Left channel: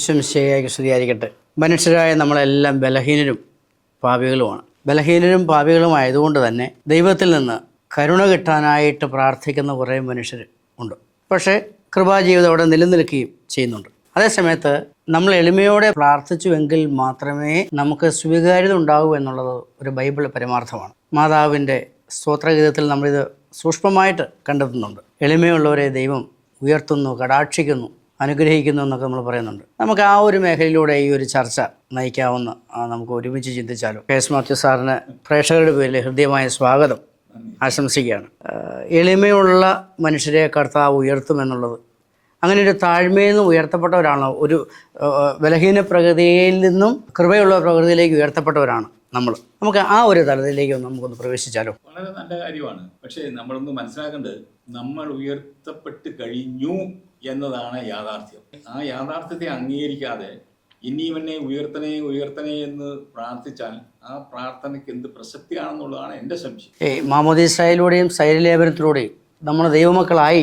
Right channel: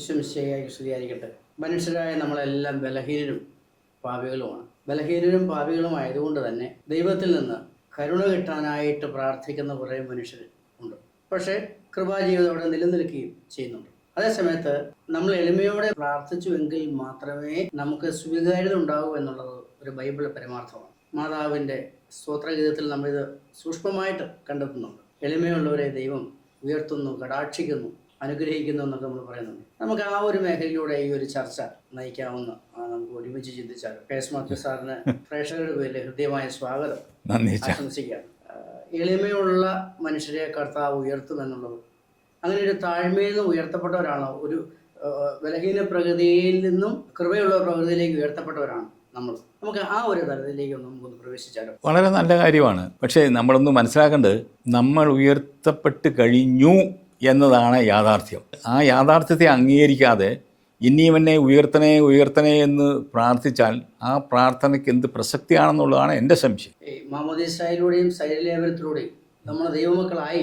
ഈശ്വംശയ്യായിക്ക് സ്തുതിയായിരിക്കട്ടെ. മനുഷ്യരായ നമ്മളെല്ലാം ബലഹീനരും പാപികളുമാണ്. ബലഹീനരും പാപികളുമായതുകൊണ്ട് തന്നെ ദൈവത്തിൽ നിന്ന് കരുണ കിട്ടാനായിട്ട് പ്രാർത്ഥിക്കുന്ന കുറേ മനുഷ്യർ ഉണ്ട്. പക്ഷേ കൃപാജീവിതം അവിടെ നിലനിൽക്കുകയും ചെയ്യുന്നുണ്ട്. അതേസമയത്ത് നമ്മൾ എളിമയോടെ പ്രാർത്ഥിച്ചുവെങ്കിൽ മാത്രമേ നമുക്ക് സ്വീകാര്യത ഉണ്ടാകൂ എന്നുള്ളത് ഒരു ബൈബിൾ പരമാർത്ഥമാണ്. മാതാവിൻ്റെ സ്തോത്രഗീതത്തിൽ നമ്മളിത് സൂക്ഷ്മമായിട്ട് കണ്ടെത്തുന്നുണ്ട്. എളിമയുള്ളവരെ ദൈവം ഉയർത്തുന്നു, കടാക്ഷിക്കുന്നു, അനുഗ്രഹിക്കുന്നു എന്നൊക്കെ നമ്മൾ പറയുന്നുണ്ട്. നമുക്ക് ആ ഒരു മേഖലയിലൂടെ ഈ ഒരു ചർച്ച നയിക്കാവുന്ന നമുക്ക് ഒരുമിച്ച് ചിന്തിച്ചാലോ. കെ എസ് മാത്യു സാറിന് പ്രേക്ഷകരുടെ പേരിൽ ഹൃദ്യമായ സ്വാഗതം ആശംസിക്കുകയാണ്. എളിമയുള്ള മനുഷ്യരെ കർത്താവ് ഉയർത്തുമെന്നുള്ളത്, അങ്ങനെ ഒരു താഴ്മയിൽ നിന്നും ഉയർത്തപ്പെട്ടവരാണ്, ഒരു ബലഹീന പ്രകൃതിയിൽ നിന്നും കൃപയുള്ള പ്രകൃതിയിലേക്ക് ഉയർത്തപ്പെട്ടവരാണ് നമുക്ക് ആ ഒരു തലത്തിലേക്ക് നമുക്കൊന്ന് പ്രവേശിച്ചാലോ. വളരെ നല്ല കാര്യമാണ്. പക്ഷേ നമ്മളൊന്ന് മനസ്സിലാക്കേണ്ടത്, നമ്മൾ ഉയർത്തപ്പെട്ട് കഴിഞ്ഞു എന്നതാണ് യാഥാർത്ഥ്യം. ആ യാഥാർത്ഥ്യത്തെ അംഗീകരിക്കാതെ ഇനിയും എന്നെ ഉയർത്തണേ ഉയർത്തണേ എന്ന് പ്രാർത്ഥിച്ചാൽ ആ പ്രാർത്ഥനയ്ക്ക് എന്ത് പ്രസക്തിയാണെന്നുള്ളതാണ് എൻ്റെ സംശയം. മാമോദീസയിലൂടെയും ശൈലലേപനത്തിലൂടെയും നമ്മൾ ദൈവമക്കളായി,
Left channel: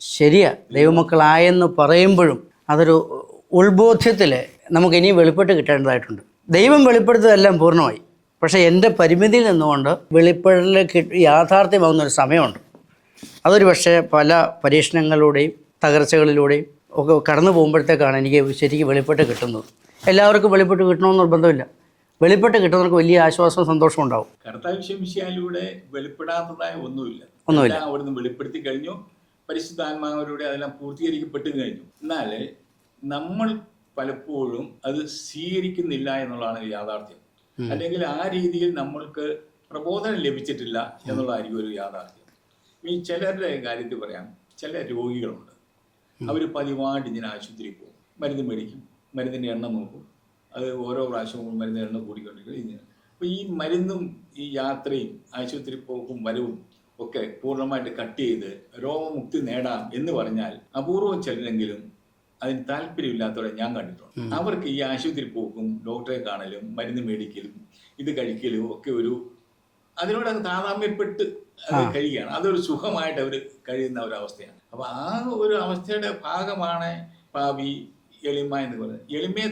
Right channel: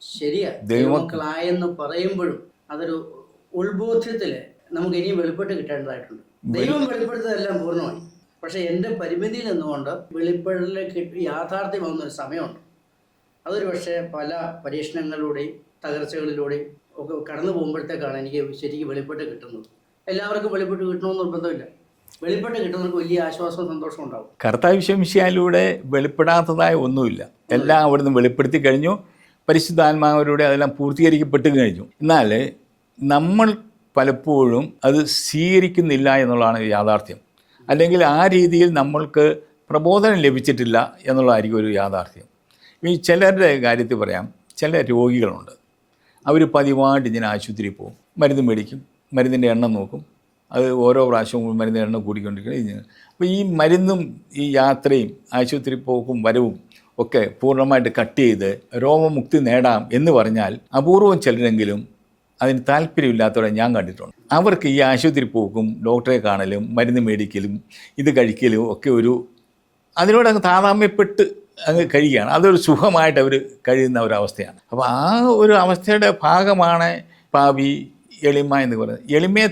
ശരിയാ, ദൈവമക്കളായെന്ന് പറയുമ്പോഴും അതൊരു ഉൾബോധ്യത്തിൽ നമുക്ക് ഇനിയും വെളിപ്പെട്ട് കിട്ടേണ്ടതായിട്ടുണ്ട്. ദൈവം വെളിപ്പെടുത്തതെല്ലാം പൂർണ്ണമായി, പക്ഷേ എൻ്റെ പരിമിതിയിൽ നിന്നുകൊണ്ട് വെളിപ്പെടലിലേക്ക് യാഥാർത്ഥ്യമാകുന്നൊരു സമയമുണ്ട്. അതൊരു പക്ഷേ പല പരീക്ഷണങ്ങളിലൂടെയും തകർച്ചകളിലൂടെയും ഒക്കെ കടന്നു പോകുമ്പോഴത്തേക്കാണ് എനിക്ക് ശരിക്കും വെളിപ്പെട്ട് കിട്ടുന്നത്. എല്ലാവർക്കും വെളിപ്പെട്ട് കിട്ടണമെന്ന് നിർബന്ധമില്ല. വെളിപ്പെട്ട് കിട്ടുന്നവർക്ക് വലിയ ആശ്വാസവും സന്തോഷവും ഉണ്ടാവും. കർത്താവ് വിശ്വസിയാലൂടെ വെളിപ്പെടാത്തതായ ഒന്നുമില്ല. എല്ലാം അവിടുന്ന് വെളിപ്പെടുത്തി കഴിഞ്ഞു. പരിശുദ്ധാത്മാവിലൂടെ അതെല്ലാം പൂർത്തീകരിക്കപ്പെട്ട് കഴിഞ്ഞു. എന്നാൽ നമ്മൾ പലപ്പോഴും അത് സ്വീകരിക്കുന്നില്ല എന്നുള്ളതാണ് യാഥാർത്ഥ്യം. അല്ലെങ്കിൽ ആ രീതിയിൽ നമ്മൾക്ക് പ്രബോധനം ലഭിച്ചിട്ടില്ല എന്നുള്ളതായിരിക്കും ഒരു യാഥാർത്ഥ്യം. ഈ ചിലരുടെ കാര്യത്തിൽ പറയാം, ചില രോഗികളുണ്ട്, അവർ പതിവായിട്ട് ഇങ്ങനെ ആശുപത്രിയിൽ പോകും, മരുന്ന് മേടിക്കും, മരുന്നിൻ്റെ എണ്ണം നോക്കും, അത് ഓരോ പ്രാവശ്യവും മരുന്നിൻ്റെ എണ്ണം കൂടിക്കൊണ്ടിരിക്കുന്നത്. അപ്പോൾ ഈ മരുന്നും ഈ യാത്രയും ആശുപത്രി പോക്കും വരവും ഒക്കെ പൂർണ്ണമായിട്ട് കട്ട് ചെയ്ത് രോഗമുക്തി നേടാം എന്ന് പറഞ്ഞാൽ അപൂർവം ചിലരെങ്കിലും അതിന് താല്പര്യമില്ലാത്തവരെ ഞാൻ കണ്ടിട്ടുണ്ട്. അവർക്ക് ഈ ആശുപത്രി പോക്കും ഡോക്ടറെ കാണലും മരുന്ന് മേടിക്കലും ഇത് കഴിക്കലും ഒക്കെ ഒരു അതിനോട് അങ്ങ് താതാമ്യപ്പെട്ട് അത് കഴിയുകയാണ്. അതൊരു സുഖമായിട്ട് അവർ കഴിയുന്ന ഒരവസ്ഥയാണ്. അപ്പോൾ ആ ഒരു അവസ്ഥയുടെ ഭാഗമാണ് പാവി, എളിമ എന്ന് പറയുന്നത്. എളിമയെ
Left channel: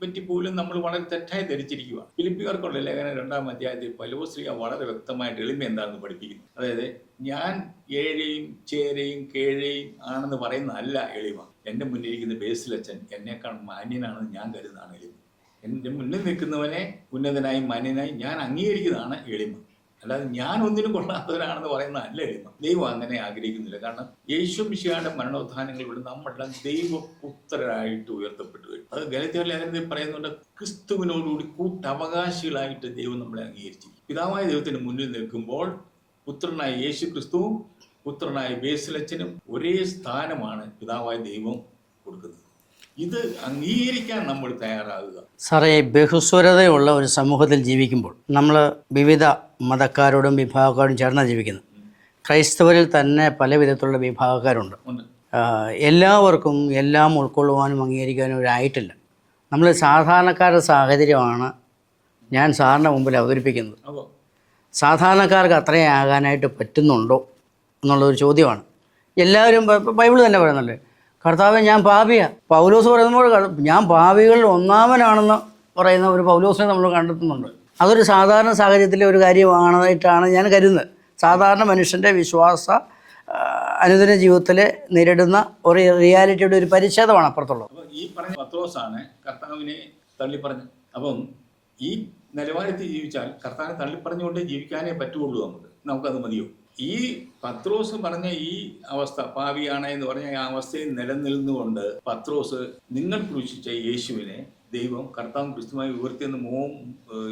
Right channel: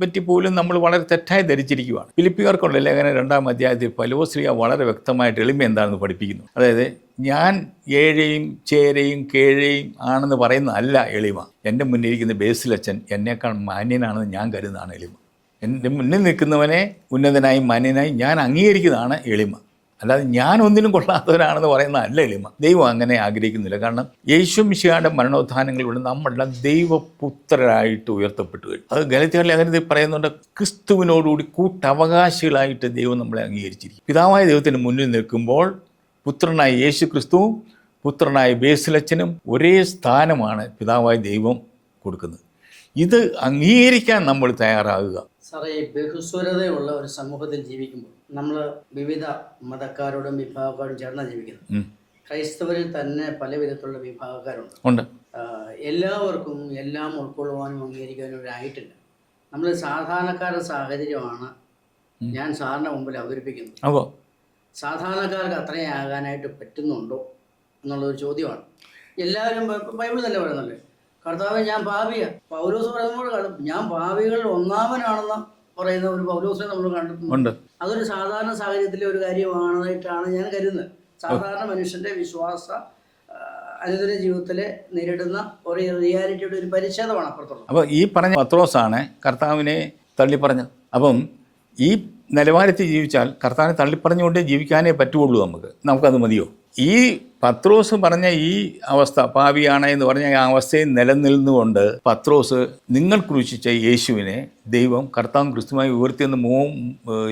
പറ്റി പോലും നമ്മൾ വളരെ തെറ്റായി ധരിച്ചിരിക്കുകയാണ്. ഫിലിപ്പിയർക്കുള്ള ലേഖനം 2-ാം അധ്യായത്തിൽ പൗലോസ് വളരെ വ്യക്തമായിട്ട് എളിമ എന്താണെന്ന് പഠിപ്പിക്കുന്നു. അതായത് ഞാൻ ഏഴയും ചേരയും കേഴയും ആണെന്ന് പറയുന്നതല്ല എളിമ. എൻ്റെ മുന്നിലിരിക്കുന്ന ബേസിലച്ചൻ എന്നേക്കാൾ മാന്യനാണെന്ന് ഞാൻ കരുതുന്നതാണ് എളിമ. എൻ്റെ മുന്നിൽ നിൽക്കുന്നവനെ ഉന്നതനായും മാന്യനായും ഞാൻ അംഗീകരിക്കുന്നതാണ് എളിമ. അല്ലാതെ ഞാൻ ഒന്നിനും കൊള്ളാത്തവരാണെന്ന് പറയുന്നതല്ല എളിമ. ദൈവം അങ്ങനെ ആഗ്രഹിക്കുന്നില്ല. കാരണം യേശു മിശിഹായുടെ മരണോത്ഥാനങ്ങളിലൂടെ നമ്മളെല്ലാം ദൈവപുത്രരായിട്ട് ഉയർത്തപ്പെട്ടു കഴിഞ്ഞു. അത് ഗലാത്യരുടെ ലേഖനത്തിൽ പറയുന്നുണ്ട്, ക്രിസ്തുവിനോടുകൂടി കൂട്ടവകാശികളായിട്ട് ദൈവം നമ്മളെ അംഗീകരിച്ചിരിക്കും. പിതാവായ ദൈവത്തിന് മുന്നിൽ നിൽക്കുമ്പോൾ പുത്രനായ യേശു ക്രിസ്തുവും പുത്രനായ ബേസിലച്ചനും ഒരേ സ്ഥാനമാണ് പിതാവായ ദൈവം കൊടുക്കുന്നത്. ഇത് അംഗീകരിക്കാൻ നമ്മൾ തയ്യാറാകുക. സാറേ, ബഹുസ്വരതയുള്ള ഒരു സമൂഹത്തിൽ ജീവിക്കുമ്പോൾ നമ്മൾ വിവിധ മതക്കാരോടും വിഭാഗക്കാരോടും ചേർന്നാണ് ജീവിക്കുന്നത്. ക്രൈസ്തവരിൽ തന്നെ പല വിധത്തിലുള്ള വിഭാഗക്കാരുണ്ട്. എല്ലാവർക്കും എല്ലാം ഉൾക്കൊള്ളുവാനും അംഗീകരിക്കാനും ഒരായിട്ടില്ല. നമ്മൾ സാധാരണക്കാരുടെ സാഹചര്യമാണ് ഞാൻ സാറിൻ്റെ മുമ്പിൽ അവതരിപ്പിക്കുന്നത്. അപ്പോൾ സാധാരണക്കാർക്ക് അത്രയും ആകാനായിട്ട് പറ്റുന്നുണ്ടോ എന്നുള്ളൊരു ചോദ്യമാണ്. എല്ലാവരും ബൈബിൾ തന്നെ പറയുന്നല്ലേ, കർത്താവേ ഞാൻ പാപിയാണ്. പൗലോസ് പറയുമ്പോൾ ഞാൻ പാപികളിൽ ഒന്നാമനാണെന്ന് പറയുന്ന ഒരു പൗലോസിനെ നമ്മൾ കണ്ടെത്തുന്നുണ്ട്. അതൊരു സാധാരണ സാഹചര്യത്തിലെ ഒരു കാര്യമാണായിട്ടാണ് ഞാൻ കരുതുന്നത്. സാധാരണ മനുഷ്യൻ്റെ വിശ്വാസ അനുദിന ജീവിതത്തിൽ നേരിടുന്ന ഒരു റിയാലിറ്റിയുടെ ഒരു പരിച്ഛേദമാണ് അപ്പുറത്തുള്ളത്. അപ്പോൾ ഈ പറഞ്ഞ പത്രോസാണ് കർത്താവിനെ തള്ളിപ്പറഞ്ഞത്. അപ്പം ഈ നിലവാരത്തിൽ ജീവിച്ചാൽ കർത്താവിനെ തള്ളിപ്പറഞ്ഞുകൊണ്ട് ജീവിക്കാനേ പറ്റുള്ളൂ. നമുക്കത് മതിയോ? ഈ പത്രോസ് പറഞ്ഞ ഈ അവസ്ഥ, പാപിയാണ് എന്ന് പറഞ്ഞ ആ അവസ്ഥയിൽ നിലനിന്നുകൊണ്ട് പത്രോസ് നിങ്ങൾ ക്രൂശിച്ച യേശുവിനെ ദൈവം കർത്താവും ക്രിസ്തുമായി ഉയർത്തിയെന്ന്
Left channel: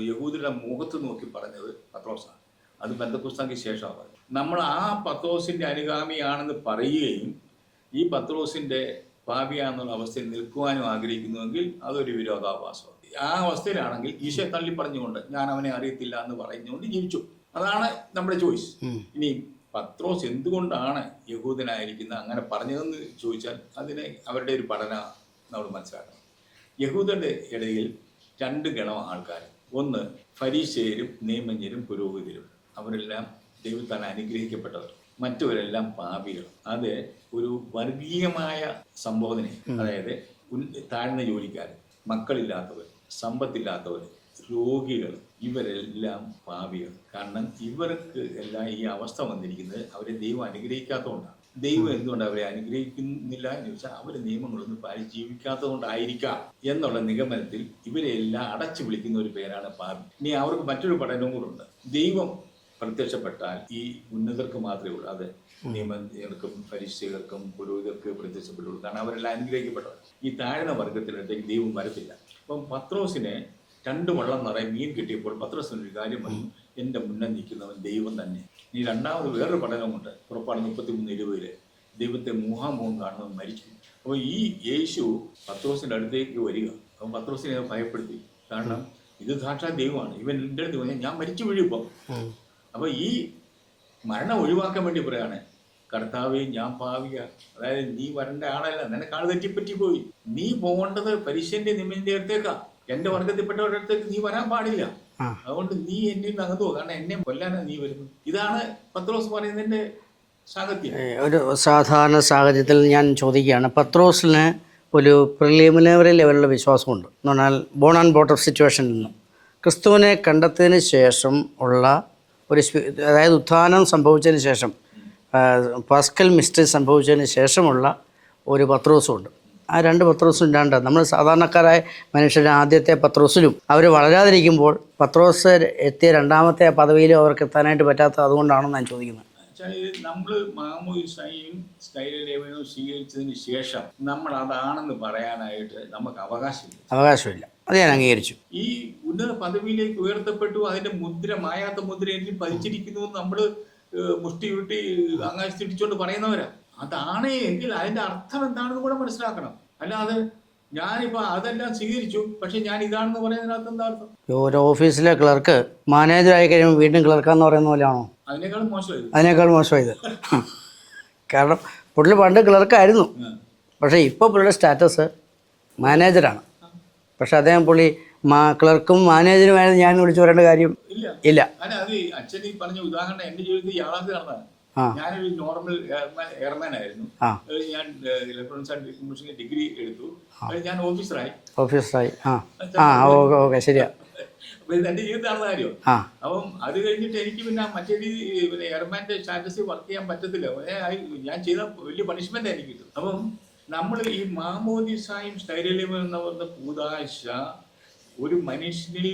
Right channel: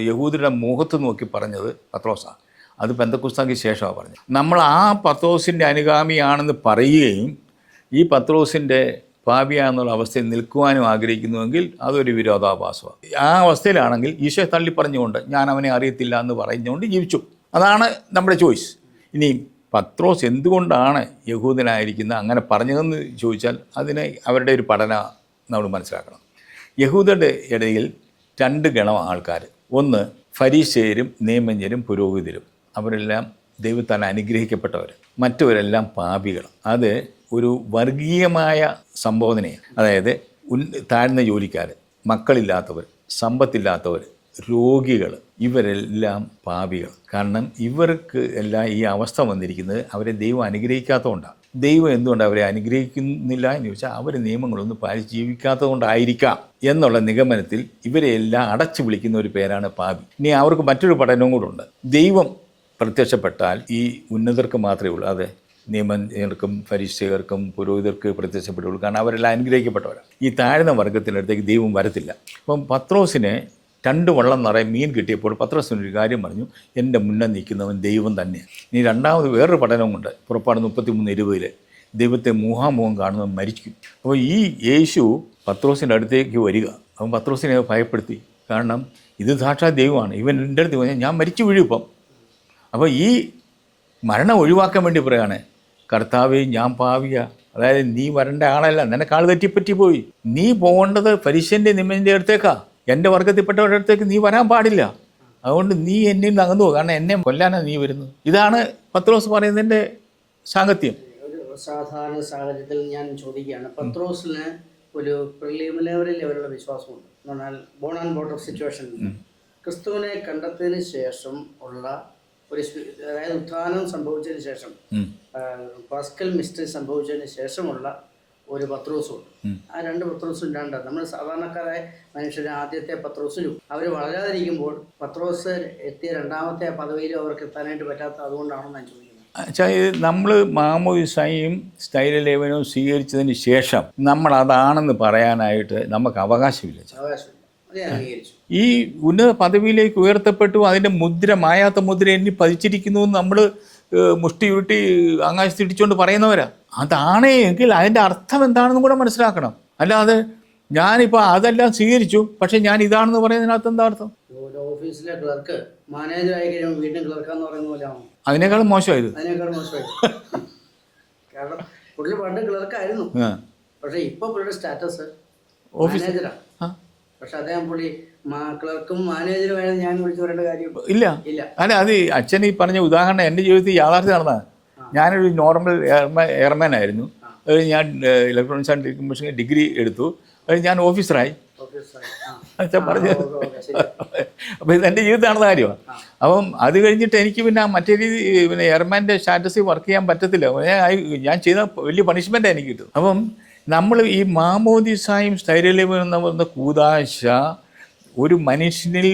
യഹൂദരുടെ മുഖത്ത് നോക്കി പറഞ്ഞത് പത്രോസാണ്. അത് പെന്തക്കോസ്താക്ക് ശേഷമാണ് പറഞ്ഞത്. നമ്മൾ ആ പത്രോസിൻ്റെ അനുഗാമിയാണെന്ന് പറയുകയും ഈ പത്രോസിൻ്റെ പാപിയാന്നുള്ള അവസ്ഥയിൽ നിൽക്കുവാനും ആഗ്രഹിക്കുന്നുവെങ്കിൽ അതൊരു വിരോധാഭാസമാണ്. ആ അവസ്ഥയിലാണെങ്കിൽ ഈശോ തള്ളിപ്പറഞ്ഞുകൊണ്ട് ഞാൻ അവനെ അറിയത്തില്ല എന്ന് പറഞ്ഞുകൊണ്ട് ജീവിച്ചു. അതാണ് നമ്മുടെ ചോയ്സ്. ഇനി പത്രോസ് എന്തുകൊണ്ടാണ് യഹൂദനായിരിക്കുന്നത് അങ്ങനെ പറഞ്ഞതെന്ന് ചോദിച്ചാൽ അതിന് അവരുടെ ഒരു പഠനം നമ്മൾ മനസ്സിലാക്കണം. യഹൂദരുടെ ഇടയിൽ 2 ഗണം ആൾക്കാർ. ഒന്ന് ഫരീസേയരും നിയമജ്ഞരും പുരോഹിതരും. അവരെല്ലാം ദൈവത്താൽ അനുഗ്രഹിക്കപ്പെട്ടവർ. മറ്റവരെല്ലാം പാപികൾ. അത് ഒരു വർഗീയമായ സംബോധനയാണ്. അതായത് താഴ്ന്ന ജോലിക്കാർ, മക്കളില്ലാത്തവർ, സമ്പത്തില്ലാത്തവർ, രോഗികൾ, ഇവരെല്ലാം പാപികൾ. കാരണം ഇവർക്ക് എല്ലാം ഈ അവസ്ഥ വന്നിരിക്കുന്നത് അവരെ ദൈവം അനുഗ്രഹിക്കാത്തതുകൊണ്ടാണ്. ദൈവം എന്തുകൊണ്ട് അവരെ അനുഗ്രഹിക്കുന്നില്ല എന്ന് ചോദിച്ചാൽ അവർ നിയമങ്ങളൊന്നും പാലിച്ച് ജീവിക്കാത്തത് കൊണ്ടായിരിക്കാം എന്നുള്ള നിഗമനത്തിൽ ഇവരെല്ലാം അടച്ചു വിളിക്കുന്ന ഒരു പേരാണ് പാപി. ഇനി അവർക്ക് മറ്റൊരു പഠനവും കൂടെ ഉണ്ട്. ദൈവം പ്രത്യക്ഷപ്പെട്ടാൽ ഈ ഉന്നതർക്ക് മാത്രമേ ഉള്ളൂ, അതെ നിയമജ്ഞർക്കും ഫരിസേയർക്കും പുരോഹിതർക്ക് പ്രത്യക്ഷപ്പെട്ടുള്ളൂ. കാരണം അവരെല്ലാം അനുഗ്രഹിക്കപ്പെട്ടവരാണ്. ഈ താഴ്ന്ന വർഗത്തിനടുത്തേക്ക് ദൈവം വരത്തില്ല. അപ്പം പത്രോസിന് 2 വള്ളം നിറയെ മീൻ കിട്ടിയപ്പോൾ പത്രോസിനൊരു കാര്യം പറഞ്ഞു, എൻ്റെ മുന്നേ നിൽക്കുന്നവൻ ദൈവം തന്നെയാണ്. ഇനി രണ്ടാമത് വേറൊരു പഠനമുണ്ട്. പുറപ്പാട് 33:20 ദൈവത്തെ മുഖാമുഖം കാണുന്നവൻ മരിക്കും. അപ്പോൾ ഈ യേശു പത്രോസിൻ്റെ അടുത്തേക്ക് വരിക. അവൻ പത്രോസിനെ ഭയപ്പെടുത്തി. കാരണം ഇത് സാക്ഷാത് ദൈവമാണ്. ഇവൻ എൻ്റെ അടുത്ത് പറഞ്ഞാൽ ഞാൻ മരിച്ചു വീഴും ഇപ്പം. അപ്പോൾ ഈ മരണം ഒഴിവാക്കാൻ വേണ്ടി പറയാണ്, കർത്താവേ ഞാൻ പാവിയ, അതായത് നീ വരേണ്ട ആളല്ല, നിനക്ക് ആൾ തെറ്റിപ്പറ്റി പോയി. നീ പോകേണ്ടത് ഫരിസ്യൻ്റെ നിയമൻ്റെ അടുത്തേക്കാ, എൻ്റെ വർഗത്തിൽപ്പെട്ടവരുടെ അടുത്തേക്ക് നീ വരാൻ പാടില്ല. അതുകൊണ്ട് നീ എന്നിൽ നിന്ന് അകന്നു പോകും. കാരണം എന്നെ കൊല്ലാനാണ് നീ വരുന്നത്. ഇതാണ് പത്രോസ് പറയുന്നതിൻ്റെ സാങ്കത്യം. ഒരു സാധാരണ സാഹചര്യത്തിൽ ഞാൻ ചോദിക്കുകയാണ്, പത്രോസിന് ഒരു പ്രിലിമിനറി ലെവലിലുള്ള വിശ്വാസമുണ്ട് എന്ന് പറഞ്ഞാൽ ബോൺ ആൻഡ് ബോട്ട് ഓഫ് സിറ്റുവേഷനിൽ നിന്ന് ക്രിസ്തുവിനെ കണ്ടെത്തിയതിന് ശേഷം ഉള്ള ഒരു അതായത് ഉത്ഥാനം സംഭവിച്ചതിന് ശേഷം പാസ്കൽ മിസ്റ്ററി സംഭവിച്ചതിന് ശേഷമുള്ള ഒരു പത്രോസുണ്ട്. ആ 2 പത്രോസും ഇല്ലാണ്ട് നമ്മൾ സാധാരണക്കാരായ മനുഷ്യരുടെ ആദ്യത്തെ പത്രോസിലും അവർ വളരാതിരിക്കുമ്പോൾ പത്രോസ് എത്തിയ 2ാമത്തെ പദവിയിലും അവർക്ക് എത്താനായിട്ട് പറ്റാത്ത അതുകൊണ്ടാണെന്ന് ഞാൻ ചോദിക്കുന്നത്. നമ്മൾ മാമോദിസയും സ്ഥൈര്യലേപനവും സ്വീകരിച്ചതിന് ശേഷം നമ്മൾ അതാണെന്ന് പറയാനായിട്ട് നമുക്ക് അവകാശമില്ല. അത് ഞാൻ അംഗീകരിച്ചു. ഈ ഉന്നത പദവിയിലേക്ക് ഉയർത്തപ്പെട്ടു, അതിൻ്റെ മുദ്ര, മായാത്ത മുദ്ര എന്നിൽ പതിച്ചിരിക്കുന്നു എന്ന് നമ്മൾ മുഷ്ടി ചുരുട്ടി ആകാശത്തിടിച്ചുകൊണ്ട് പറയുന്നവരാ. അതാണേ എങ്കിൽ അതിൻ്റെ അർത്ഥം എന്താണെന്നും കൂടെ മനസ്സിലാക്കണം. അല്ലാതെ ഞാനിപ്പോൾ അതെല്ലാം സ്വീകരിച്ചു പക്ഷേ ഞാൻ ഇതാണെന്ന് പറയുന്നതിനകത്ത് എന്താ അർത്ഥം? ഒരു ഓഫീസിലെ ക്ലർക്ക് മാനേജറായി കഴിയുമ്പോൾ വീണ്ടും ക്ലർക്കാന്ന് പറയുന്ന പോലെയാണോ? അതിനേക്കാളും മോശമായത്. കാരണം പുള്ളി പണ്ട് ക്ലർക്കായിരുന്നു, പക്ഷേ ഇപ്പോൾ പുള്ളിയുടെ സ്റ്റാറ്റസ് മാനേജറാണ്. പക്ഷെ അദ്ദേഹം പുള്ളി ക്ലർക്കും മാനേജറുമായിരുന്നു ഞാൻ വിളിച്ചു പറയേണ്ട കാര്യം ഇല്ല. അല്ല, അത് അച്ഛൻ ഈ പറഞ്ഞ ഉദാഹരണം എൻ്റെ ജീവിതത്തിൽ യാഥാർത്ഥ്യം നടന്നതാണ്. ഞാനൊരു നോർമൽ എയർമാൻ ആയിരുന്നു. അത് ഞാൻ ഇലക്ട്രോണിക്സ് ആൻഡ് ടെലികമ്മ്യൂണിക്കേഷൻ ഡിഗ്രി എടുത്തു. അത് ഞാൻ ഓഫീസറായി. അപ്പോൾ ഇത് എൻ്റെ ജീവിതത്തിൽ നടന്ന കാര്യമാണ്. അപ്പം അത് കഴിഞ്ഞിട്ട് എനിക്ക് പിന്നെ മറ്റേ രീതി പിന്നെ എയർമാൻ്റെ സ്റ്റാറ്റസിൽ വർക്ക് ചെയ്യാൻ പറ്റത്തില്ല. ഞാൻ ചെയ്ത വലിയ പണിഷ്മെൻറ്റാണ് എനിക്ക് കിട്ടും. അപ്പം നമ്മൾ ഈ മാമോദിസായും സ്ഥൈര്യലേപനം എന്ന് പറയുന്ന കൂദാശ ഒരു മനുഷ്യനിൽ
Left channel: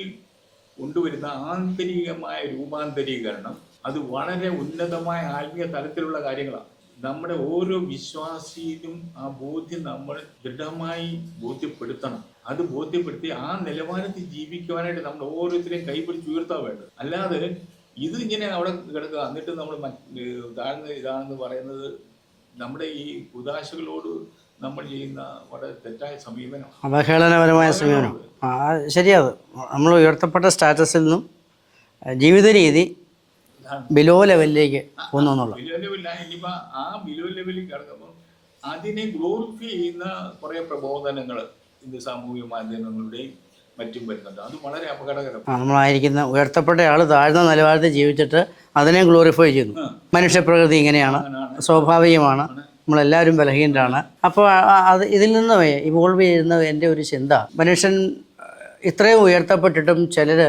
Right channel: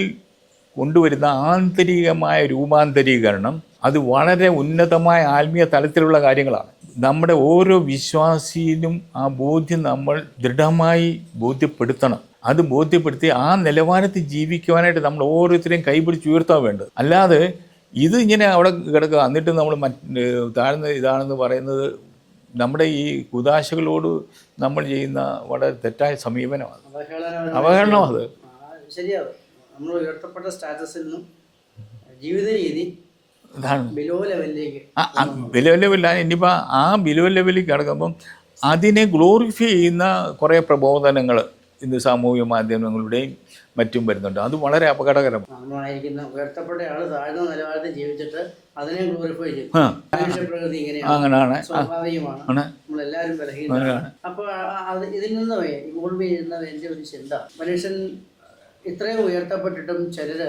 കൊണ്ടുവരുന്ന ആന്തരികമായ രൂപാന്തരീകരണം, അത് വളരെ ഉന്നതമായ ആത്മീയ തലത്തിലുള്ള കാര്യങ്ങളാണ്. നമ്മുടെ ഓരോ വിശ്വാസിയിലും ആ ബോധ്യം നമ്മൾ ദൃഢമായി ബോധ്യപ്പെടുത്തണം. അത് ബോധ്യപ്പെടുത്തി ആ നിലവാരത്തിൽ ജീവിക്കുവാനായിട്ട് നമ്മൾ ഓരോരുത്തരെയും കൈപിടിച്ച് ഉയർത്താൻ വേണ്ടത്. അല്ലാതെ ഇത് ഇങ്ങനെ അവിടെ കിടക്കുക, എന്നിട്ട് നമ്മൾ താഴ്ന്ന ഇതാണെന്ന് പറയുന്നത് നമ്മുടെ ഈ കുദാശകളോട് നമ്മൾ ചെയ്യുന്ന വളരെ തെറ്റായ സമീപനമാണ്, അവഹേളനപരമാണ്. ശരിയത്. നമ്മൾ ഉയർത്തപ്പെട്ട സ്റ്റാറ്റസിൽ നിന്നും ജീവിത രീതി ബിലോ ലെവലിലേക്ക് ബിലോ ലെവലിലാണ്. ഇനിയിപ്പോൾ ആ ബിലോ ലെവലിൽ കിടക്കുമ്പം അതിനെ ഗ്ലോറിഫൈ ചെയ്യുന്ന കുറേ പ്രബോധനങ്ങൾ ഇന്ന് സാമൂഹ്യ മാധ്യമങ്ങളുടെയും മറ്റും വരുന്നുണ്ട്. അത് വളരെ അപകടകരമാണ്. നമ്മളായിരിക്കുന്ന ഉയർത്തപ്പെട്ട ആൾ താഴ്ന്ന നിലവാരത്തിൽ ജീവിച്ചിട്ട് അതിനെ ഗ്ലോറിഫൈ ചെയ്യുന്നു. മനുഷ്യപ്രകൃതി ഇങ്ങനെയാണ്, അങ്ങനെയാണ്, സ്വാഭാവികമാണ്, നമ്മളെല്ലാവരും ബലഹീനരാണ്. അപ്പോൾ അത് ഇതിൽ നിന്ന് ഇവോൾവ് ചെയ്യുന്ന എൻ്റെ ഒരു ചിന്ത, മനുഷ്യൻ ഇത്രയും ഉയർത്തപ്പെട്ടിട്ടും ചിലർ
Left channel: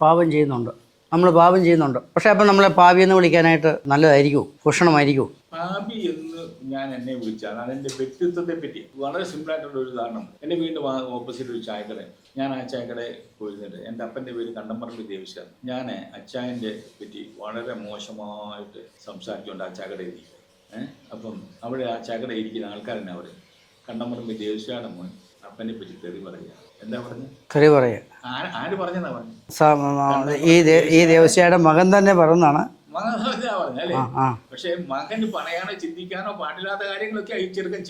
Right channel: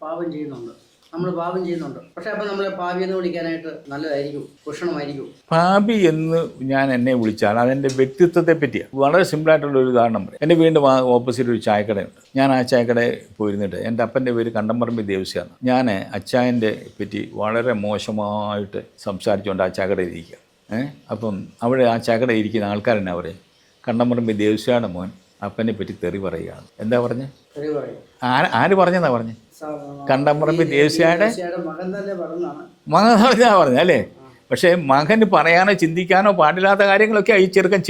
പാപം ചെയ്യുന്നുണ്ട്. നമ്മൾ പാപം ചെയ്യുന്നുണ്ട്. പക്ഷേ അപ്പം നമ്മളെ പാപി എന്ന് വിളിക്കാനായിട്ട് നല്ലതായിരിക്കും, ഭൂഷണമായിരിക്കും. പാപി എന്ന് ഞാൻ എന്നെ വിളിച്ചാൽ അതെൻ്റെ വ്യക്തിത്വത്തെ പറ്റിയാണ്. വളരെ സിമ്പിളായിട്ടുള്ളൊരു ഉദാഹരണം പറയും. എൻ്റെ വീണ്ടും ഓപ്പോസിറ്റ് ഒരു ചായക്കടയുണ്ട്. ഞാൻ ആ ചായക്കടയിൽ പോയിരുന്നിട്ട്, എൻ്റെ അപ്പൻ്റെ പേര് കണ്ടംപറമ്പ് ദേവസ്യാണ്. ഞാൻ അച്ചായൻ്റെ പറ്റി വളരെ മോശമായിട്ട് സംസാരിച്ചുകൊണ്ട് ആ ചായക്കടയിൽ ഇരിക്കുക. അപ്പം അവിടെ ആ ചായക്കടയിൽ ഇരിക്കുന്ന ആൾക്കാരെന്നെ അവർ കണ്ടംപറമ്പ് ദേവസ്യയുടെ മോൻ അപ്പനെ പറ്റി തെറി പറയുകയാണ്. എന്താ പറഞ്ഞത്? തെറി പറയുക. ആര് പറഞ്ഞെന്നാ പറഞ്ഞത്? ദേവസ്യയുടെ മകൻ തന്നെ പറഞ്ഞാണ്. മകൻ പറഞ്ഞ അല്ലേ? പക്ഷേ മകന് പറയാനോ ചിന്തിക്കാനോ പാടില്ലാത്ത കാര്യങ്ങളൊക്കെ ഈ ചെറുക്കൻ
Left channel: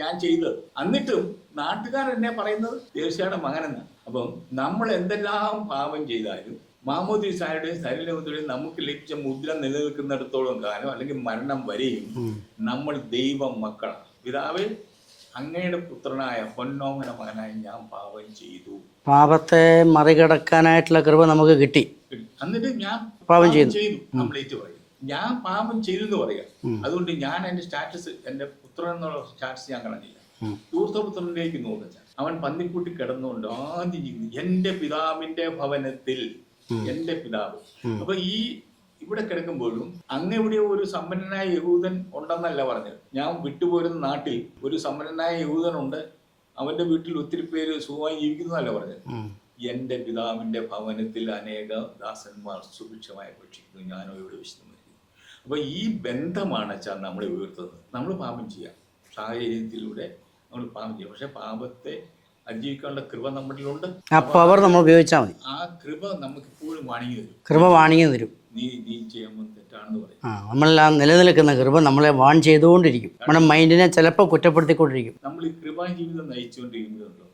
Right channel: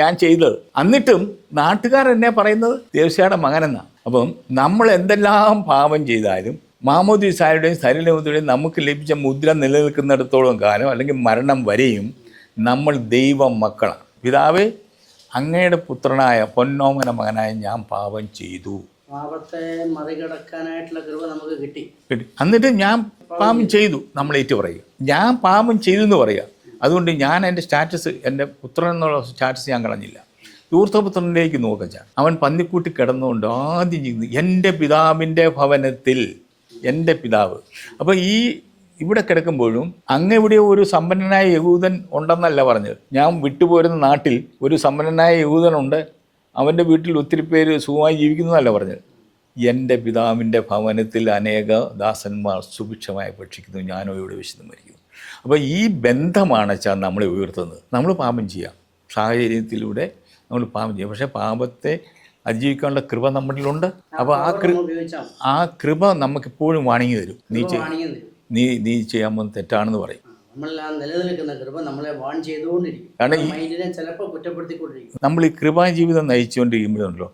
ഞാൻ ചെയ്തത്. എന്നിട്ടും നാട്ടുകാരെന്നെ പറയുന്നത് ദേവസ്യയുടെ മകനെന്നാണ്. അപ്പം നമ്മൾ എന്തെല്ലാം പാപം ചെയ്താലും മാമോദിസായുടെയും സ്ഥൈര്യലേപനത്തിൻ്റെയും നമുക്ക് ലഭിച്ച മുദ്ര നിലനിൽക്കുന്നിടത്തോളം കാലം, അല്ലെങ്കിൽ മരണം വരെയും നമ്മൾ ദൈവം മക്കളാണ്. പിതാവേ, അങ്ങയുടെ പുത്രനായ പൊന്നോമന മകനായ ഞാൻ പാപം ചെയ്തു. പാപത്തെ മറികടക്കാനായിട്ടുള്ള കൃപ നമുക്ക് കിട്ടി. എന്നിട്ട് ഞാൻ പാപം ചെയ്തു നമ്മൾ ഏറ്റു പറയുക. ഞാൻ പാപം ചെയ്തു എന്ന് പറയുക. അതുകൊണ്ട് ഞാൻ എൻ്റെ സ്റ്റാറ്റസ്, എൻ്റെ പുത്രൻ എന്നുള്ള സ്റ്റാറ്റസ് ഞാൻ കളഞ്ഞില്ല. ധൂർത്തപുത്രനിലേക്ക് നോക്കച്ച, അവൻ പന്നിക്കൂട്ടി കിടന്നുകൊണ്ട് ആദ്യം ചെയ്യുന്നത് എൻ്റെ പിതാവിൻ്റെ ഭവനത്തിൽ, എൻ്റെ പിതാവ്. അപ്പോൾ ഇവിടെ കിടക്കുമ്പോഴും അങ്ങെവിടെ ഒരു സമ്പന്നനായ യഹൂദൻ ഉണ്ടെന്നല്ല പറഞ്ഞത്. ഞാൻ വിട്ടുപോരുന്ന നാട്ടിൽ ഒരു സമ്പന്നനായ യഹൂദനുണ്ട്, അവൻ്റെ വീട്ടിൽ ഒത്തിരി പേര് സുഖമായി ജീവിക്കുന്നതല്ല പറഞ്ഞത്. എൻ്റെ പിതാവിൻ്റെ ഭവനത്തിൽ അനേക ദാസന്മാർ സുഭിക്ഷമായി ഭക്ഷിക്കുന്നു, ഞാനോ ഇവിടെ വിശുദ്ധം മരിക്കുന്നു. അപ്പോൾ ഈ ബന്ധമാണ് വെച്ചാൽ നമ്മളെ ഉയർത്തുന്നത്. നമ്മൾ പാപം ചെയ്യാം, സാഹചര്യത്തിലൂടെ നമ്മൾ പാപം ചെയ്യാം, പക്ഷേ പാപത്തെ അതിജീവിക്കാനുള്ള കൃപ നമ്മളിലുണ്ട്. അപ്പോൾ നമ്മൾ ഉപയോഗിച്ചാൽ മതി. ആ കൃപ നമുക്കെപ്പോഴും വാണിങ്ങി തരും. കൃപ വാണിങ്ങി തരും. നീ ചെയ്യാൻ പോകുന്ന തെറ്റാണെന്ന് പറയും. നമ്മളെല്ലാം നിലനിൽക്കുന്ന കൃപ നമ്മളെ വാൺ ചെയ്തുകൊണ്ടിരിക്കും. കാരണം മൈൻഡിനെ ചിലപ്പോൾ കുറ്റപ്പെടുത്തിക്കൊണ്ടിരിക്കും. നമ്മൾ ഈ കൃപാ ജീവിതം നയിച്ചുകൊണ്ടിരിക്കുമ്പോഴല്ലോ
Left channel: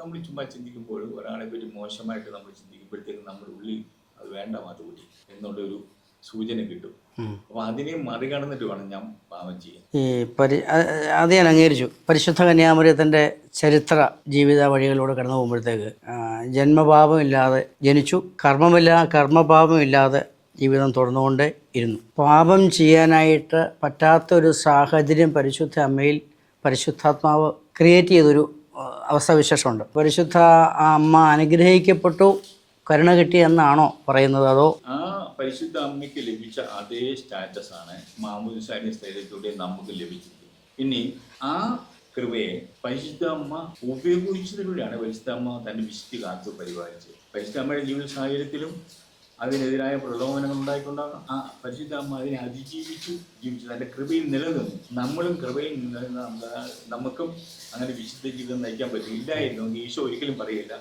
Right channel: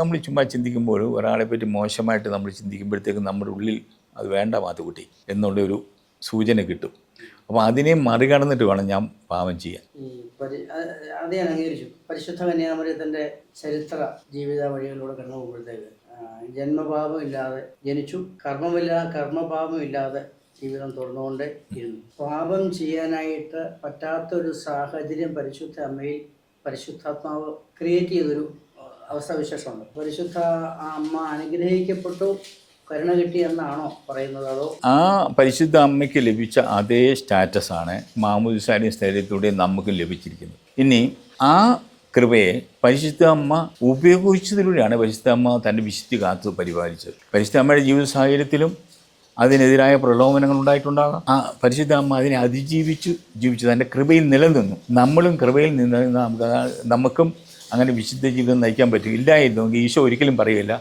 നമ്മൾ ചുമ്മാ ചിന്തിക്കുമ്പോൾ ഒരാളെ പറ്റി മോശമായിട്ട് നമ്മൾ ചിന്തിക്കുമ്പോഴത്തേക്കും നമ്മുടെ ഉള്ളിൽ അത് വേണ്ട മാത്തുകുട്ടി എന്നുള്ളൊരു സൂചന കിട്ടും. അപ്പോൾ അതിനെ മറികടന്നിട്ട് വേണം ഞാൻ പാപം ചെയ്യാൻ. അത് ഞാൻ അംഗീകരിച്ചു. പരിശുദ്ധ കന്യാമറിയത്തിൻ്റെ ചരിത്ര ജീവിത വഴികളിലൂടെ കടന്നു പോകുമ്പോഴത്തേക്ക് ജന്മപാപമില്ലാതെ ജനിച്ചു, കർമ്മപാപമില്ലാതെ ജീവിതം തുടർന്നുകൊണ്ടേ ഇരുന്നു. പാപം ചെയ്യാനായിട്ട് പറ്റാത്തൊരു സാഹചര്യം പരിശുദ്ധ അമ്മയിൽ പരിശുദ്ധാത്മാവ് ക്രിയേറ്റ് ചെയ്തൊരു അവസ്ഥാവിശേഷമുണ്ട്. പരിശുദ്ധ അമ്മ അനുഗ്രഹിക്കപ്പെട്ടു, കരുണ കിട്ടി എന്നാണോ പറയുന്നത്? അതോ ആ പരിശുദ്ധ അമ്മയ്ക്ക് ലഭിച്ച അതേ സ്റ്റാറ്റസാണ് മാമോദിസയുടെ സ്ഥലത്തിലൂടെ നമുക്ക് ലഭിച്ചിരിക്കുന്നത്. ഇനി ആ കൃപയെ പരിശുദ്ധ അമ്മ ഉപയോഗിച്ചതിലൂടെയാണ് പരിശുദ്ധ അമ്മ തൻ്റെ വിശുദ്ധി കാത്തു പരിപാലിച്ചത്. പരിശുദ്ധ അമ്മയുടെ ജീവിത സാഹചര്യത്തിലും അതിനെതിരായ പ്രലോഭനങ്ങൾ ഉണ്ടായിട്ടുണ്ടാകാം. ആ പരിശുദ്ധ അമ്മ അതിനെ ജീവിച്ചു തൻ്റെ കൃപയിൽ നിലനിന്നു. നമ്മളും കൃപയിൽ നിന്ന് നമുക്കും അങ്ങനെ വിശുദ്ധ ജീവിതം നയിക്കാൻ പറ്റും. ഇല്ലായിരുന്നെങ്കിൽ ഈശോ ഒരിക്കലും പറയില്ല,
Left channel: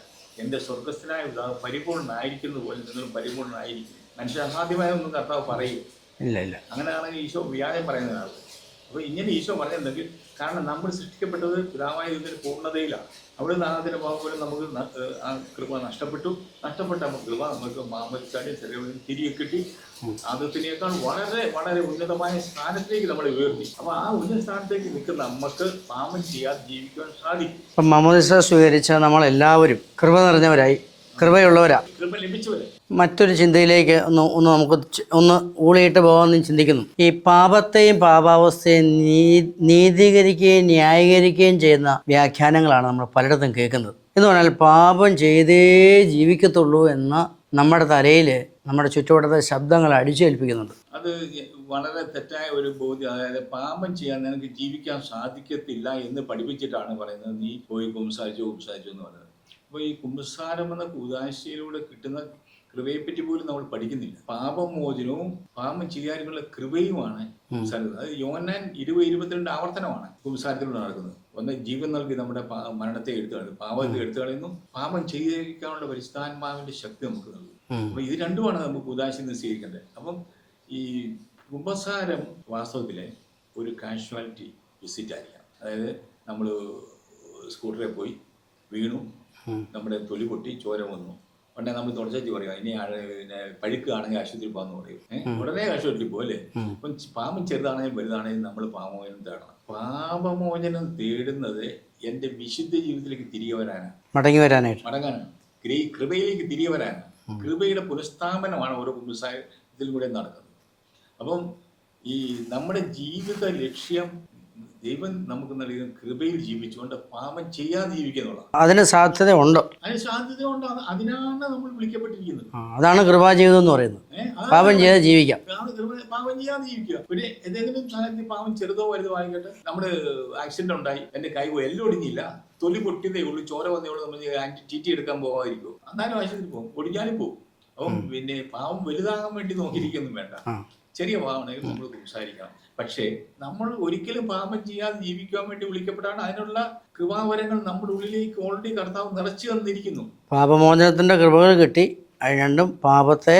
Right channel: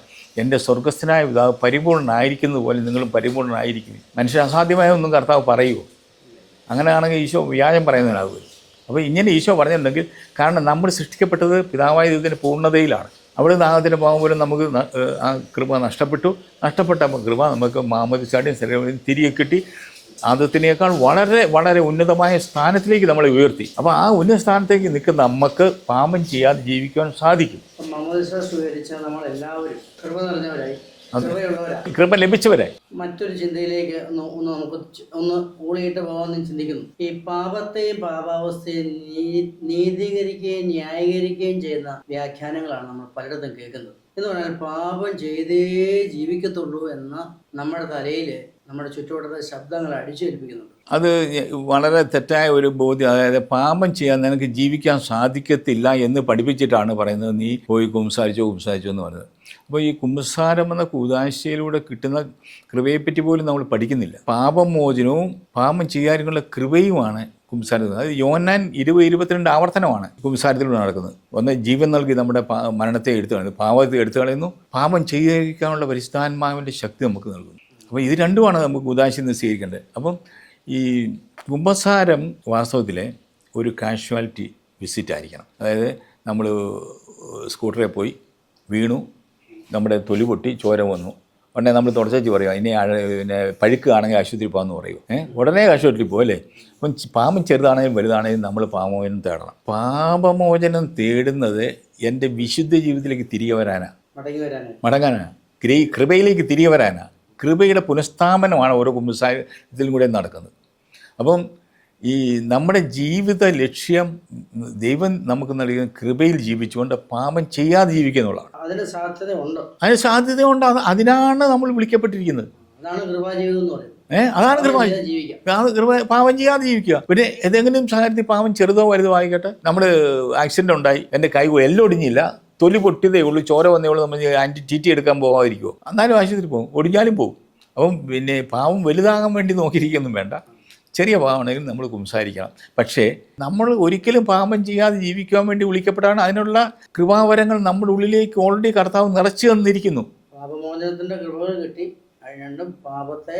എൻ്റെ സ്വർഗസ്ഥനായ പിതാവ് പരിപൂർണ്ണനായിരിക്കുന്നത് പോലെ നിങ്ങളും പരിപൂർണ്ണനായിരിക്കും. മനുഷ്യൻ അസാധ്യമായ ഒന്നും കർത്താവ് പറയുമോ? ഇല്ല. അങ്ങനെയാണെങ്കിൽ ഈശോ വ്യാജം പറയുന്നതിനാകും. അപ്പോൾ ഇങ്ങനെ ഈശോ പറഞ്ഞിട്ടുണ്ടെങ്കിൽ, കാരണം നമ്മൾ സൃഷ്ടിക്കപ്പെട്ടത് പിതാവായ ദൈവത്തിൻ്റെ പൂർണ്ണതയിലാണ്. അവിടെ നാഗത്തിൻ്റെ പാവം പോലും നമുക്ക് ആ കൃപ നഷ്ടപ്പെട്ട കൃപ നമുക്ക് മാമോദിസയുടെയും സെറമണിയും തിരികെ കിട്ടി. ആദത്തിനേക്കാൾ വളരെ വളരെ ഉന്നതമായ സ്ഥാനത്തിലേക്ക് നമ്മളെ ഉയർത്തി. അപ്പോൾ ആ ഉന്നത സ്ഥാനത്തേക്ക് നിൽക്കുന്ന നമുക്ക് പാപം ചെയ്യാതെ ജീവിക്കുവാൻ സാധിക്കും. ഇപ്പം മാമോദിസ സ്വീകരിച്ച നമ്മളെല്ലാവരും കൃപ നിറഞ്ഞവരായി, കൃപ ലഭിച്ചവരായി. മറ്റൊരു ചിന്തയിലേക്ക് നമുക്ക് ഊളിയിട്ട് പോകാമെന്ന് ചിന്തിക്കുന്നു. ഈ പാപത്തെയും പാപാവസ്ഥയും നീതീകരിക്കുകയും ന്യായീകരിക്കുകയും ചെയ്യുന്ന വ്യാഖ്യാനങ്ങളാണ് നമ്മൾ പലയിടത്തും കേൾക്കുന്നത്. എന്ന് പറഞ്ഞാൽ പാപം ചെയ്തേ ജീവിക്കത്തുള്ളൂ എന്ന് നമ്മുടെ തലയിൽ നമ്മുടെ ചുറ്റുവട്ടത്തെ ശബ്ദങ്ങൾ അടിച്ചേൽപ്പിക്കുന്നുണ്ട്. അത് വളരെ തെറ്റായ ഒരു ബോധ്യം. അതായത് പാപം ചെയ്യാൻ നിനക്ക് ജീവിക്കാൻ സാധിക്കത്തില്ല എന്ന് പഠിപ്പിച്ചിട്ടാണ് പറയുന്നത്, നീ പോയി കുമ്പസാരിച്ചോ എന്ന് പറയുന്നത്. അപ്പോൾ ഈ കുമ്പസാരം എന്ന കൂദാശയിലൂടെ കിട്ടുന്ന കൃപയെപ്പറ്റി പോലും നമ്മൾ പഠിക്കുന്നില്ല. പാപമോചനവും പാപം ചെയ്യാനുള്ള കൃപയുമാണ് കുമ്പസാരം. അത് യോഹന്നാൻ 20-22 ആവർത്തനമാണ് കുമ്പസാരത്തിലൂടെ നടക്കുന്നത്. ഒന്ന് ജീവൻ നൽകി നമ്മുടെ മരണത്തെ എടുത്തു കളയുന്നു, പാപത്തെ എടുത്തു കളയുന്നു, പാപം ചെയ്യാനുള്ള പരിശുദ്ധാത്മാവിൻ്റെ ശക്തി നമുക്ക് നൽകുന്നു. അപ്പോൾ ഇത് രണ്ടുമാണ് നമുക്ക് കൂദാശയിൽ നിന്ന് സ്വീകരിക്കേണ്ടത്. അപ്പം ഈ കുമ്പസാരം വാസ്തവത്തിലെ ഒരു കാഷ്വാലിറ്റി വിസിറ്റ് ആയിരിക്കണം. അതായത് നമ്മൾ സ്കൂട്ടറിൽ പോയി വീണു, നമ്മുടെ തൊലി പൊട്ടി ചോര വന്നു, ഉടനെ നമ്മൾ തുടച്ചു പറയുക ഇനി പിന്നെ പഴുക്കുകയാണെങ്കിൽ ആശുപത്രി പോകാമെന്ന് പറയും. ഉടനെ ആശുപത്രി പോകും അല്ലേ? അപ്പം പാപം ചെറുതാണെങ്കിലും വലുതാണെങ്കിലും നമ്മൾ പാപമോചനം തേടണം. പാപമോചനം തേടുന്നത് എൻ്റെ വിശുദ്ധ ജീവിതത്തിലേക്ക് തിരികെ വരാനാണ്, മടങ്ങാനാണ്, കൃപയിലേക്ക് തിരികെ വരാനാണ്. കൃപയുടെ പുനഃസ്ഥാപനമാണ് ഓരോ കുമ്പസാരത്തിലും കൂടെ നടക്കുന്നത്. അപ്പം ഈ നമ്മുടെ ജീവിത ലക്ഷ്യം ദൈവം നമുക്ക് നൽകിയ കൃപയിൽ ജീവിച്ചുകൊണ്ട് പാപം ചെയ്യാതെ ജീവിക്കുക എന്നുള്ളതാണ്. അതിന് സാധ്യതയുണ്ട്. അതിനാണ് നമ്മൾ വിളിക്കപ്പെട്ടിരിക്കുന്നത്. അതാണ് കൃപാജീവിതം എന്ന് പറയുന്നത്. പാപം ചെയ്യാതെ ജീവിക്കുക. പിന്നെ ഏതെങ്കിലും സാഹചര്യത്തിൽ പാപം ചെറുതോ വലുതോ ആയിക്കട്ടെ, നമ്മൾ ആക്സിഡന്റ് ഉണ്ടായി, എൻ്റെ കൈ എല്ലാം ഒടിഞ്ഞില്ല, തൊലി പൊട്ടിയതേ ഉള്ളൂ, ചോര വന്നേ ഉള്ളൂ, നമ്മൾ ടി എടുക്കാൻ പോകാതിരിക്കുമോ? എന്നാലും ആശുപത്രി പോകും, ഒടിഞ്ഞാലും പോകും. അപ്പം പിന്നെ പാവം വലുതാകാൻ വേണ്ടി നോക്കിയിരിക്കൊന്നും വേണ്ട. ചെറിയ പാവമാണെങ്കിലും നമ്മൾ കുംസാരിക്കണം. പക്ഷേ നമ്മൾ ഒരിക്കലും പാപം ചെയ്യാതെ ജീവിക്കാൻ വേണ്ടി വിളിക്കപ്പെട്ടാണ്. അതിനുള്ള കൃപാവരങ്ങൾ നമ്മുടെ ഉള്ളിലേക്ക് ഓൾറെഡി കർത്താവ് നിറച്ചു തന്നിരിക്കുന്നു. പാപമോചനത്തിൻ്റെ കൃപകൾ കിട്ടി, അത് രണ്ടും പാപത്തെ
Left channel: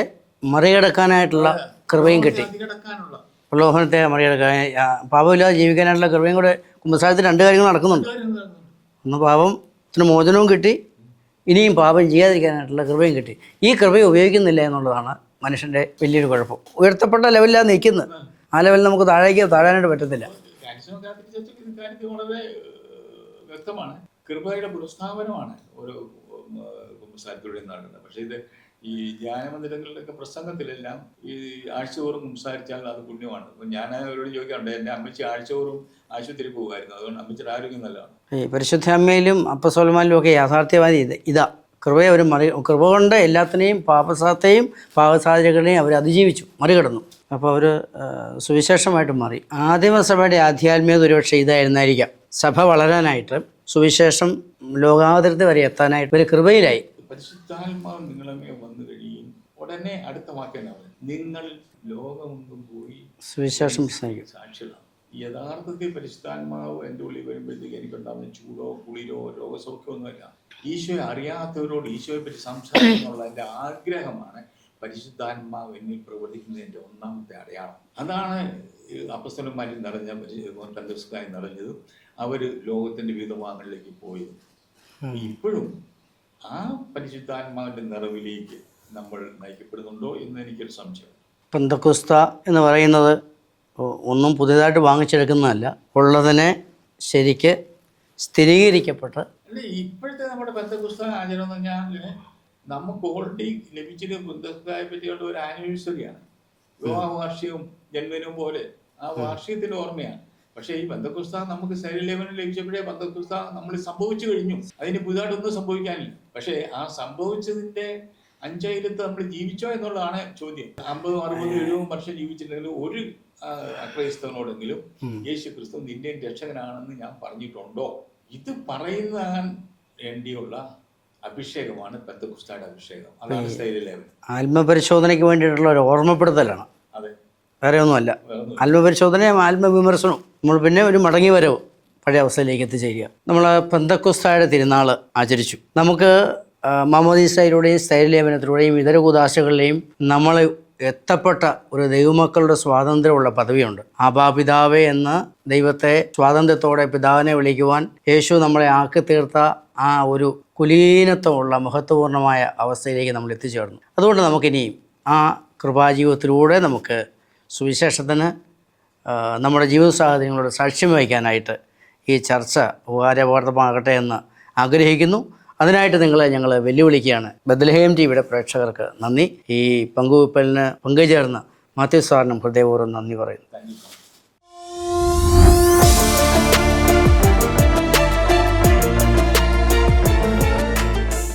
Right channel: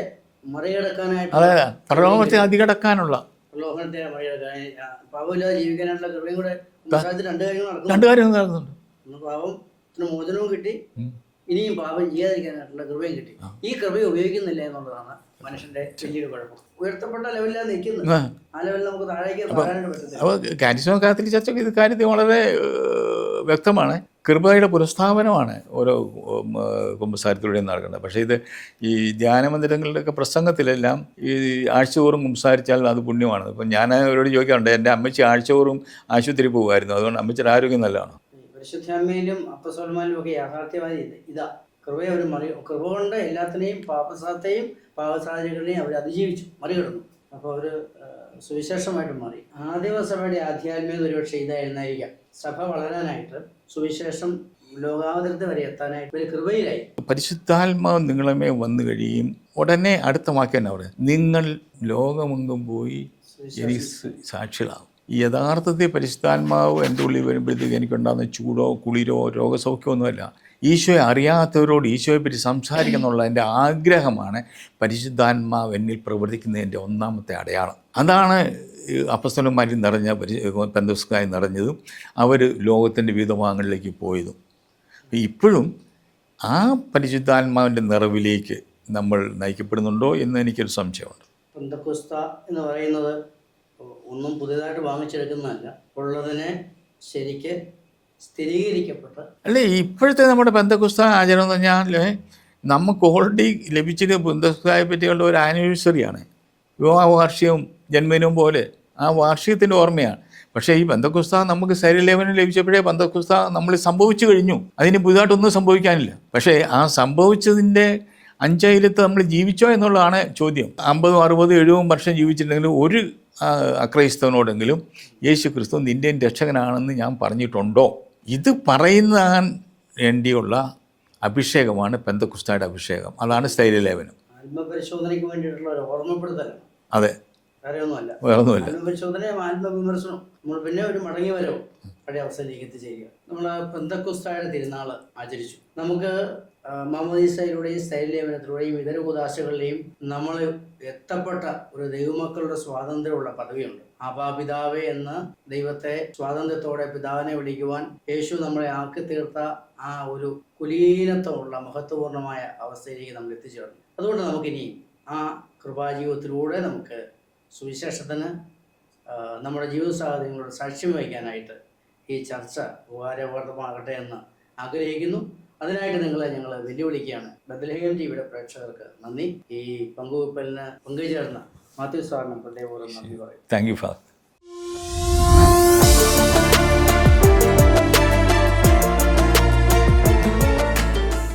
മറികടക്കാനായിട്ടുള്ള അതികടക്കാനുള്ള പ്രലോഭനത്തെ മറികടക്കാൻ, പാപമില്ലാതെ ജീവിക്കാനായിട്ടുള്ള കൃപയും കൂടെ കുമ്പസാരത്തിൽ രണ്ട് കാര്യങ്ങൾ നടക്കുന്നുണ്ട്. ഒന്ന് പാപത്തിന് മോചനവും കിട്ടി, ഇനിയും പാപം ചെയ്യാതിരിക്കാനായിട്ടുള്ള കൃപയും കിട്ടി. ഈ കൃപയെ ഉപയോഗിക്കുന്നില്ല എന്നുള്ളതാണ് മനുഷ്യൻ്റെ വലിയൊരു കുഴപ്പം. ഉയർത്തപ്പെട്ട ലെവലിലാണ് നിൽക്കുന്നത്, ആ ലെവലിൽ നമുക്ക് താഴാനായിട്ട് പറ്റത്തില്ല. കാരിസ്മ കാത്തലിക് ചർച്ചയ്ക്ക് ഇത് കാര്യത്തിൽ വളരെ വ്യക്തമാണ്. കൃപയുടെ പുനഃസ്ഥാപനമാണ് ഓരോ കുമ്പസാരത്തിലൂടെയും നടക്കുന്നത്. പക്ഷേ ഇത് ഈ ധ്യാനമന്ദിരങ്ങളുടെയൊക്കെ പ്രസംഗത്തിലെല്ലാം ഈ ആഴ്ചതോറും കുമ്പസാരിച്ചാൽ അത് പുണ്യമാണ്. ഇപ്പം ഞാൻ അവരോട് ചോദിക്കാറുണ്ട്, എൻ്റെ അമ്മച്ചി ആഴ്ചതോറും ആശുപത്രി പോകുമായിരുന്നു, അതുകൊണ്ട് അമ്മച്ചിയുടെ ആരോഗ്യം നല്ലതാണ്. ഈ പരിശുദ്ധ അമ്മയിലും അപ്പസ്തോലന്മാരിലും ഒക്കെ യാഥാർത്ഥ്യവാദി ഇതാ, കൃപയെ അവർ കൃപ കൊണ്ട് എല്ലാത്തിനെയും പാപസാത്തെയും പാപസാഹചര്യങ്ങളെയും അവർ അതിജീവിച്ചു, മറികടന്നു. അപ്പോൾ അവർ സുവിശേഷമായിട്ട് മാറി. ആദിമസഭയുടെ ആധ്യാത്മികത ഒരുപക്ഷെ ഇതായിരുന്നായിരിക്കാം. സഭ വളരാനായിട്ട്, സുവിശേഷം ലോകാതിർത്തി വരെ എത്താനായിട്ട് ഒരു കൃപയിലായി. പരിശുദ്ധാത്മാവ് നിങ്ങളെ വന്നു കഴിയും ഉടനെ അടുത്ത വാക്യം അവിടെ, നിങ്ങൾ ലോകമെങ്കും പോയി സുവിശേഷം സാക്ഷികളാവും. യഥാർത്ഥത്തിൽ പരിശുദ്ധാത്മാവ് എൻ്റെ ഉള്ളിൽ വരുമ്പോഴത്തേക്ക് എനിക്കുണ്ടാകുന്ന ചൂടോ കുളിരോ രോഗസൗഖ്യമൊന്നുമല്ല. ഈശോയെ അറിയാത്തവരോട് ഈശോയെ പറ്റി സംസാരിക്കുന്നുള്ള എൻ്റെ ആഗ്രഹമാണ് പരിശുദ്ധാത്മാവ് എന്നിൽ പ്രവർത്തിക്കുന്നതിൻ്റെ ഒന്നാമത്തെ അടയാളം. അതാണ് അപ്പസ്തലന്മാരിൽ നിറഞ്ഞ പെന്തക്കോസ്തായി നിറഞ്ഞതും അവർ ലോകത്തിൻ്റെ വിവിധ ഭാഗങ്ങളിലേക്ക് പോയതും. ഇപ്പോഴും ആ പരിശുദ്ധാത്മാവിൻ്റെ നിറവിലേക്ക് നമ്മൾ നയിക്കപ്പെടുന്നുണ്ടോ എന്ന് എനിക്കൊരു സംശയമുണ്ട്. പെന്തക്കോസ്ത എന്ന് പറയുന്നത് ഒന്നും പുതിയതായിട്ട് വാങ്ങിച്ചെടുക്കുന്നതല്ല, ഉള്ളതിനെ ശരിക്ക് സ്ഥിരീകരിക്കപ്പെട്ട്. അല്ലേ, ഇപ്പോഴത്തെ നമ്മുടെ പെന്തക്കോസ്ത ആചരണം എന്ന് പറഞ്ഞാൽ നമുക്ക് ഓൾറെഡി ലഭിച്ചിട്ട് പെന്തക്കോസ്തയെ പറ്റിയുള്ള ഒരു ആനിവേഴ്സറിയാണ്. വിവാഹ വാർഷികവും ജന്മദിനവും പോലെ ആ വാർഷികത്തിൻ്റെ ഓർമ്മയാണ്. പക്ഷേ ഈ പെന്തക്കോസ്ത നമുക്ക് ശരീരലേപനം ലഭിച്ചപ്പോഴേ പെന്തക്കോസ്ത നമ്മൾ സംഭവിച്ചു കഴിഞ്ഞു, അതിന് പുതുതായിട്ടൊന്നും സംഭവിക്കാനില്ല. പക്ഷേ ആ സംഭവിച്ചതിൻ്റെ അഞ്ചായിരത്ത് നമ്മൾ ജീവിച്ചോ എന്നുള്ളതാണ് ചോദ്യം. 50, 60, 70 വർഷം ജീവിച്ചിട്ടുണ്ടെങ്കിലും ഒരു അക്രൈസ്തവനോടെങ്കിലും യേശു ക്രിസ്തു നിൻ്റെ രക്ഷകനാണെന്ന് ഞാൻ പറഞ്ഞിട്ടുണ്ടോ? ഇത് പറയുന്നതിന് വേണ്ടിയുള്ള അഭിഷേകമാണ് പെന്തക്കോസ്തയുടെ അഭിഷേകം. അതാണ് സ്ഥൈര്യലേപനം. ആത്മപരിശോധനയ്ക്ക് വേണ്ടിയിട്ടുള്ള ഒരു ഓർമ്മപ്പെടുത്തലാണ്. അതെ, വേറെ ഒന്നുമല്ല. ആത്മപരിശോധനയും ആത്മവിമർശനവും. നമ്മൾ പിന്നെ ഒരു മടങ്ങി വരവും പഴയ അവസ്ഥയിലേക്ക് എത്തിച്ചേരുക. നമ്മൾ പെന്തക്കോസ്തയുടെ തിരുനാൾ ആചരിച്ചു. നമുക്ക് മാമോദീസയിലൂടെയും സ്ഥൈര്യലേപനത്തിലൂടെയും ഇതര കൂദാശകളിലെയും നമ്മൾ എത്തപ്പെട്ട ഒരു ദൈവമക്കളുടെ സ്വാതന്ത്ര്യമുള്ള പദവിയുണ്ട്. ആബാപിതാവേ എന്ന് ദൈവത്തെ സ്വാതന്ത്ര്യത്തോടെ പിതാവിനെ വിളിക്കുവാൻ യേശു നമ്മളെ ആക്കി തീർത്ത ആ ഒരു കുലീനത്വമുള്ള മഹത്വപൂർണ്ണമായ അവസ്ഥയിലേക്ക് നമ്മൾ എത്തിച്ചേർന്നു. അതുകൊണ്ട് നമുക്കിനിയും ആ കൃപാജീവിതത്തിലൂടെ നമുക്ക് സുവിശേഷത്തിന് നമ്മുടെ ജീവിത സാഹചര്യങ്ങളോട് സാക്ഷ്യം വഹിക്കാനായിട്ട് ഈ ചർച്ച ഉപകാരപ്രദമാകട്ടെ എന്ന് ആഗ്രഹിക്കുന്നു. അതിനായിട്ട് നിങ്ങളെ ഞങ്ങൾ വെല്ലുവിളിക്കുകയാണ്. ബത്ലഹേം ടിവിയുടെ പ്രേക്ഷകർക്ക് നന്ദി. ഈ പങ്കുവയ്പ്പലിന് പങ്കുചേർന്ന് മാത്യു സാറിനും ഹൃദയപൂർവ്വം നന്ദി പറയുന്നു. Thank you father.